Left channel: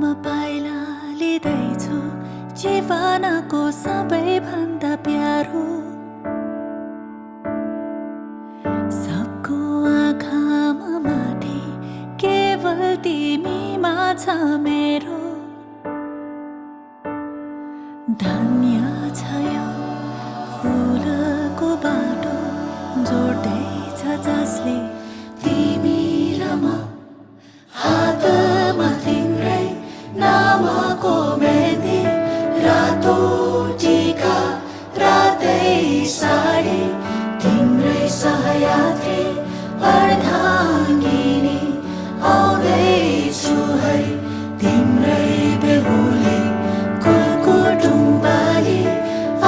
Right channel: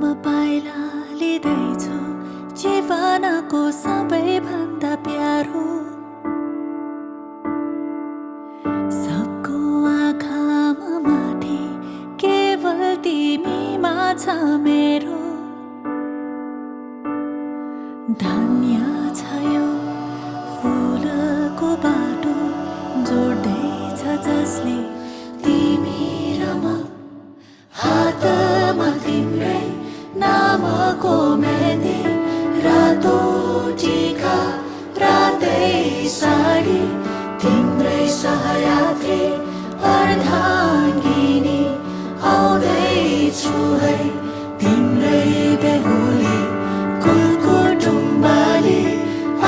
म पाइला लिँदैछु जीवनको सबैभन्दा प्यारो सबको आँखामा माथि केवल तिमीमा छ मेरो धन्य छ यो फुलको बाटो जोड्दैछ जसले तिमी र म हातमा तिम्रै नामको मेहन्दी रातो टीका रातै साडी तिम्रै सहयात्री अर्धाङ्गिनी आउँदैछु है तिम्रै बेहुली कुलकुटुम्बाली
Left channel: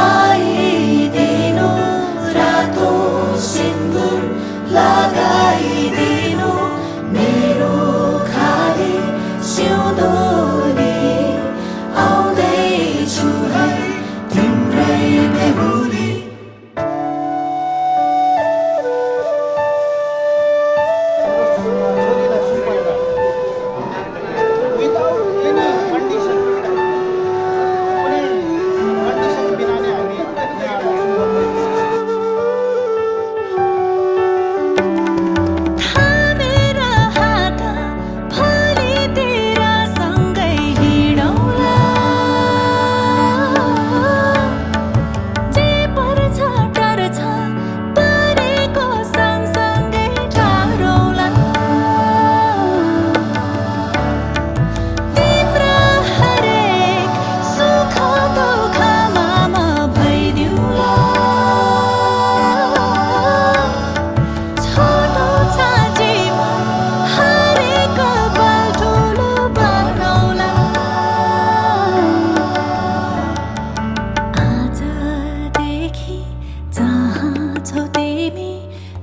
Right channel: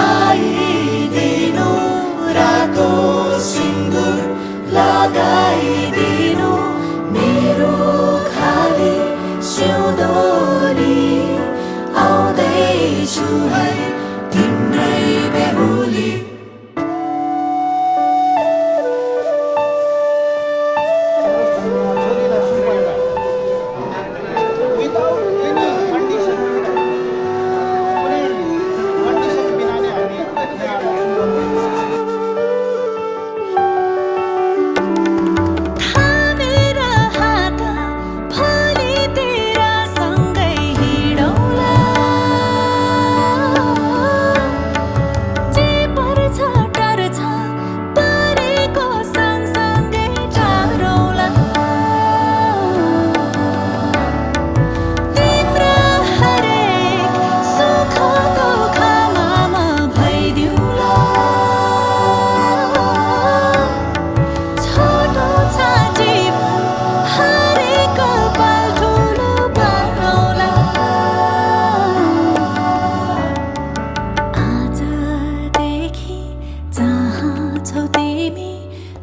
आइदिनु रातो सिन्दुर लगाइदिनु मेरो खाली सिउँदोली आउँदैछु है तिम्रै बेहुली छौ तिमी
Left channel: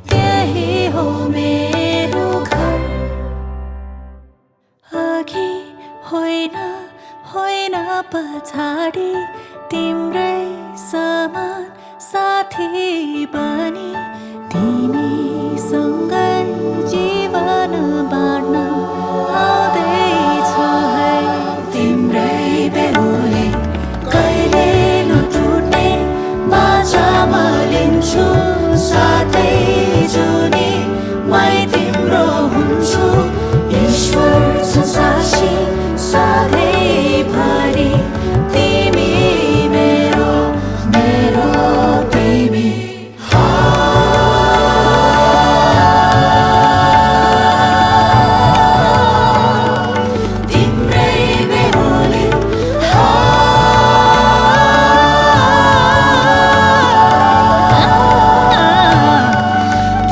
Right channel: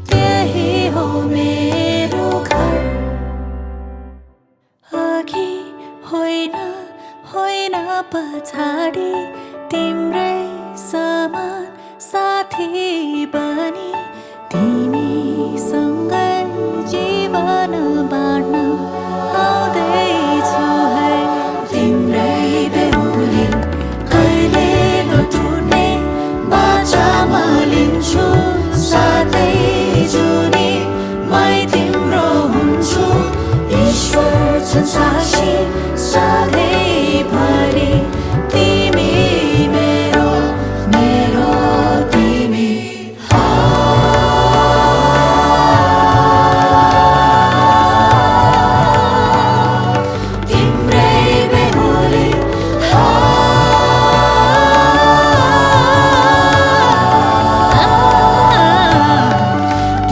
त्यही हो मेरो घर अघि होइन होइन पछाडि तिम्रै समान साथी बनी तिमीसँगै जीवन बाँड्न आउँदैछु है तिम्रै बेहुली कहिले नटुट्ने बाचामा लिन्छु साथै जुनी मै तिम्रो हुन्छु ईश्वर छ साक्षी सधैँभरि तिमी मेरो मेरो तिमी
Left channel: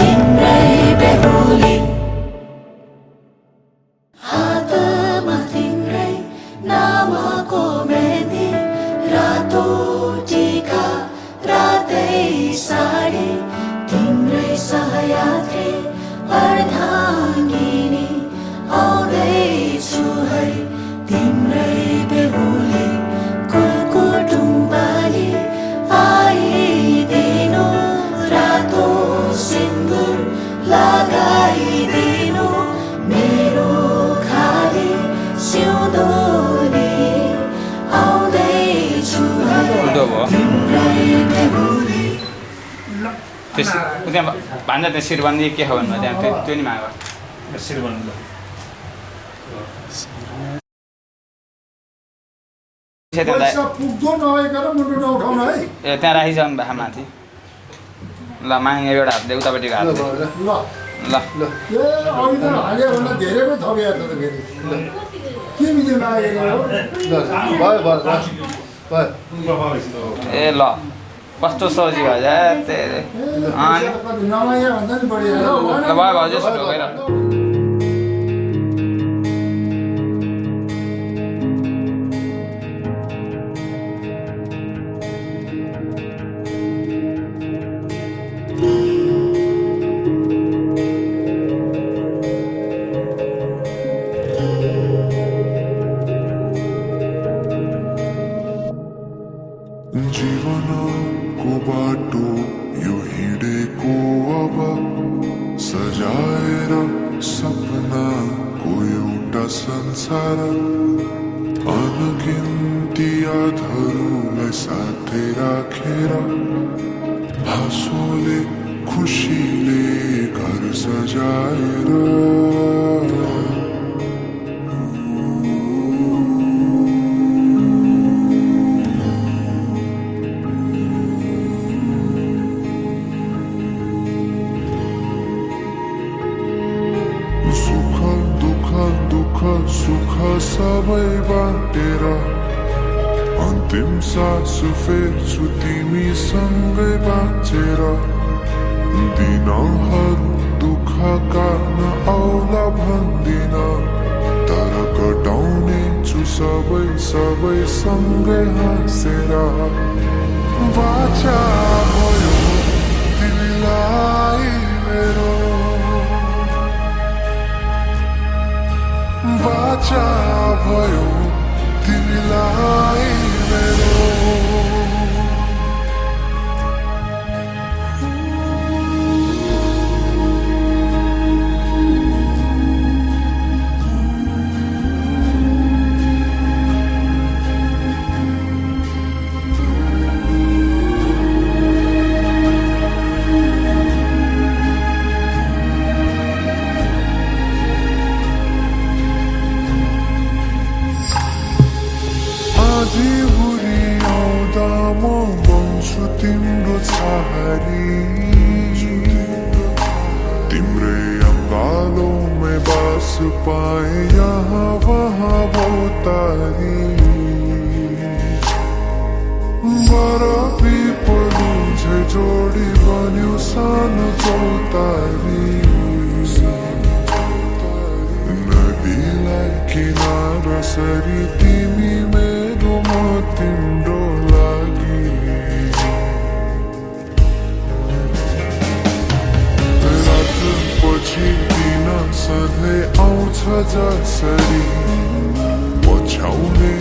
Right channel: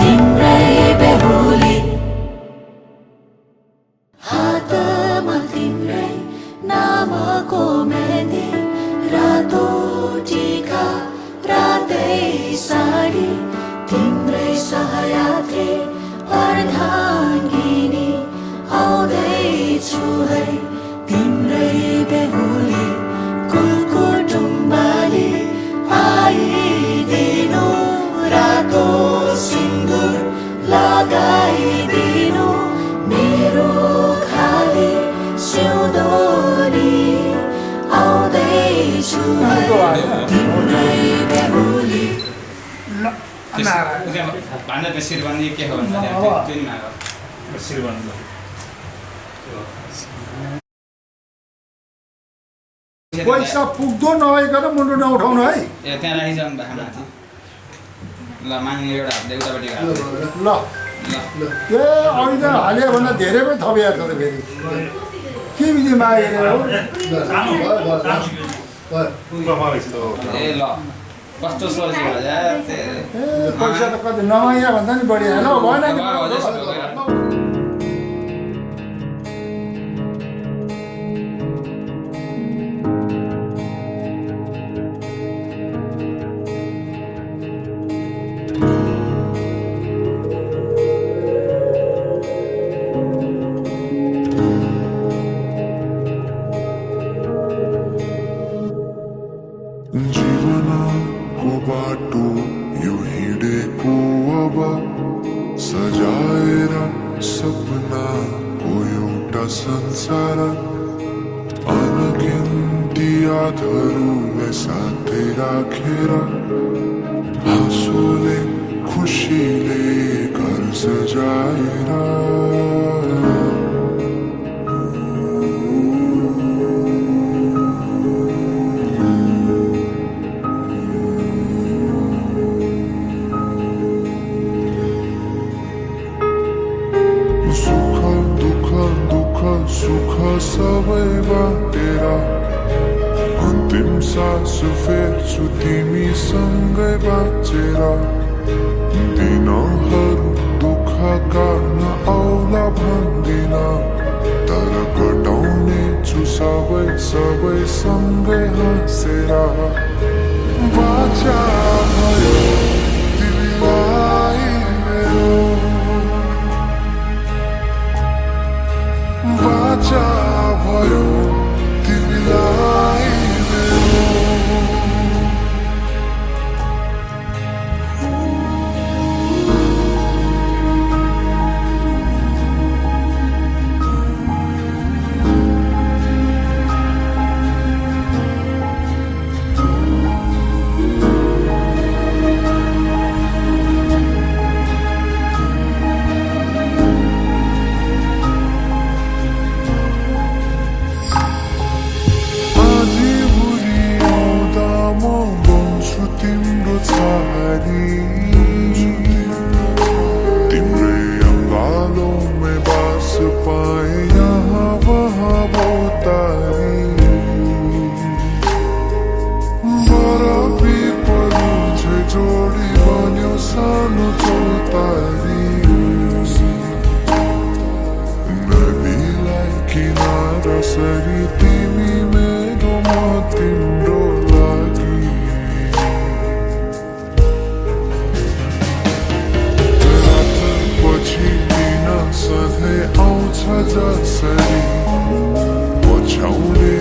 तिम्रै बेहुली हातमा तिम्रै नामको मेहन्दी रातो टीका रातै साडी तिम्रै सहयात्री अर्धाङ्गिनी आउँदैछु है तिम्रै बेहुली कुलकुटुम्बाली आइदिनु रातो सिन्दुर लगाइदिनु मेरो खाली सिउँदोली आउँदैछु तिम्रै बेहुली भन्दा त शिरबन्दी के हो भन्दा त्यहाँ त्यो नि माग शिरबन्दी पैसा पुग्दो नभइकन मुन्डु नउठाउनु है ए त्यहाँ राखिसक्नु भएको माथि ल माग्ने एउटा हातले उतापट्टि हात ल ल ल ए अहिले त हाल्यो भन्दा धेरै पो थपिया छ त फेरि के बिजी मागेको हो ए ल कस्तो सजिलो पैसा त कति नमाग्या भन्दा नि बढी भयो जीवनको बाटो यो हिँडेको अब सजाएर सपनाको एउटा संसार अनगिन्ती यादहरूलाई साथै राखेर हाँसोले खुसीले घर सजाएर सुख दुःख दुःख सुख सबै बाटेर अन्तिम सास फेर्छु तिमीसँगै बाँचेर दिनहरू दुःखका नआउला भन्दिन तर कटाउने छु सबै सबै सँगै हाँसेर बाचा भयो तिमीलाई मेरो बाचा भयो तिमीलाई मेरो आधी हुरी आउँदा म बन्छु तिम्रो छहारी तिम्रै अङ्गालोमै बास पाए यहाँ वहाँ बहुतारी बरफी परू झै जोडी बन्यो सानो चौतारी नदीलाई किनारा सरी तिमी मेरो म तिम्रो लागि रात पछि दिन सधैँ आउँछ जसरी पछ्याउने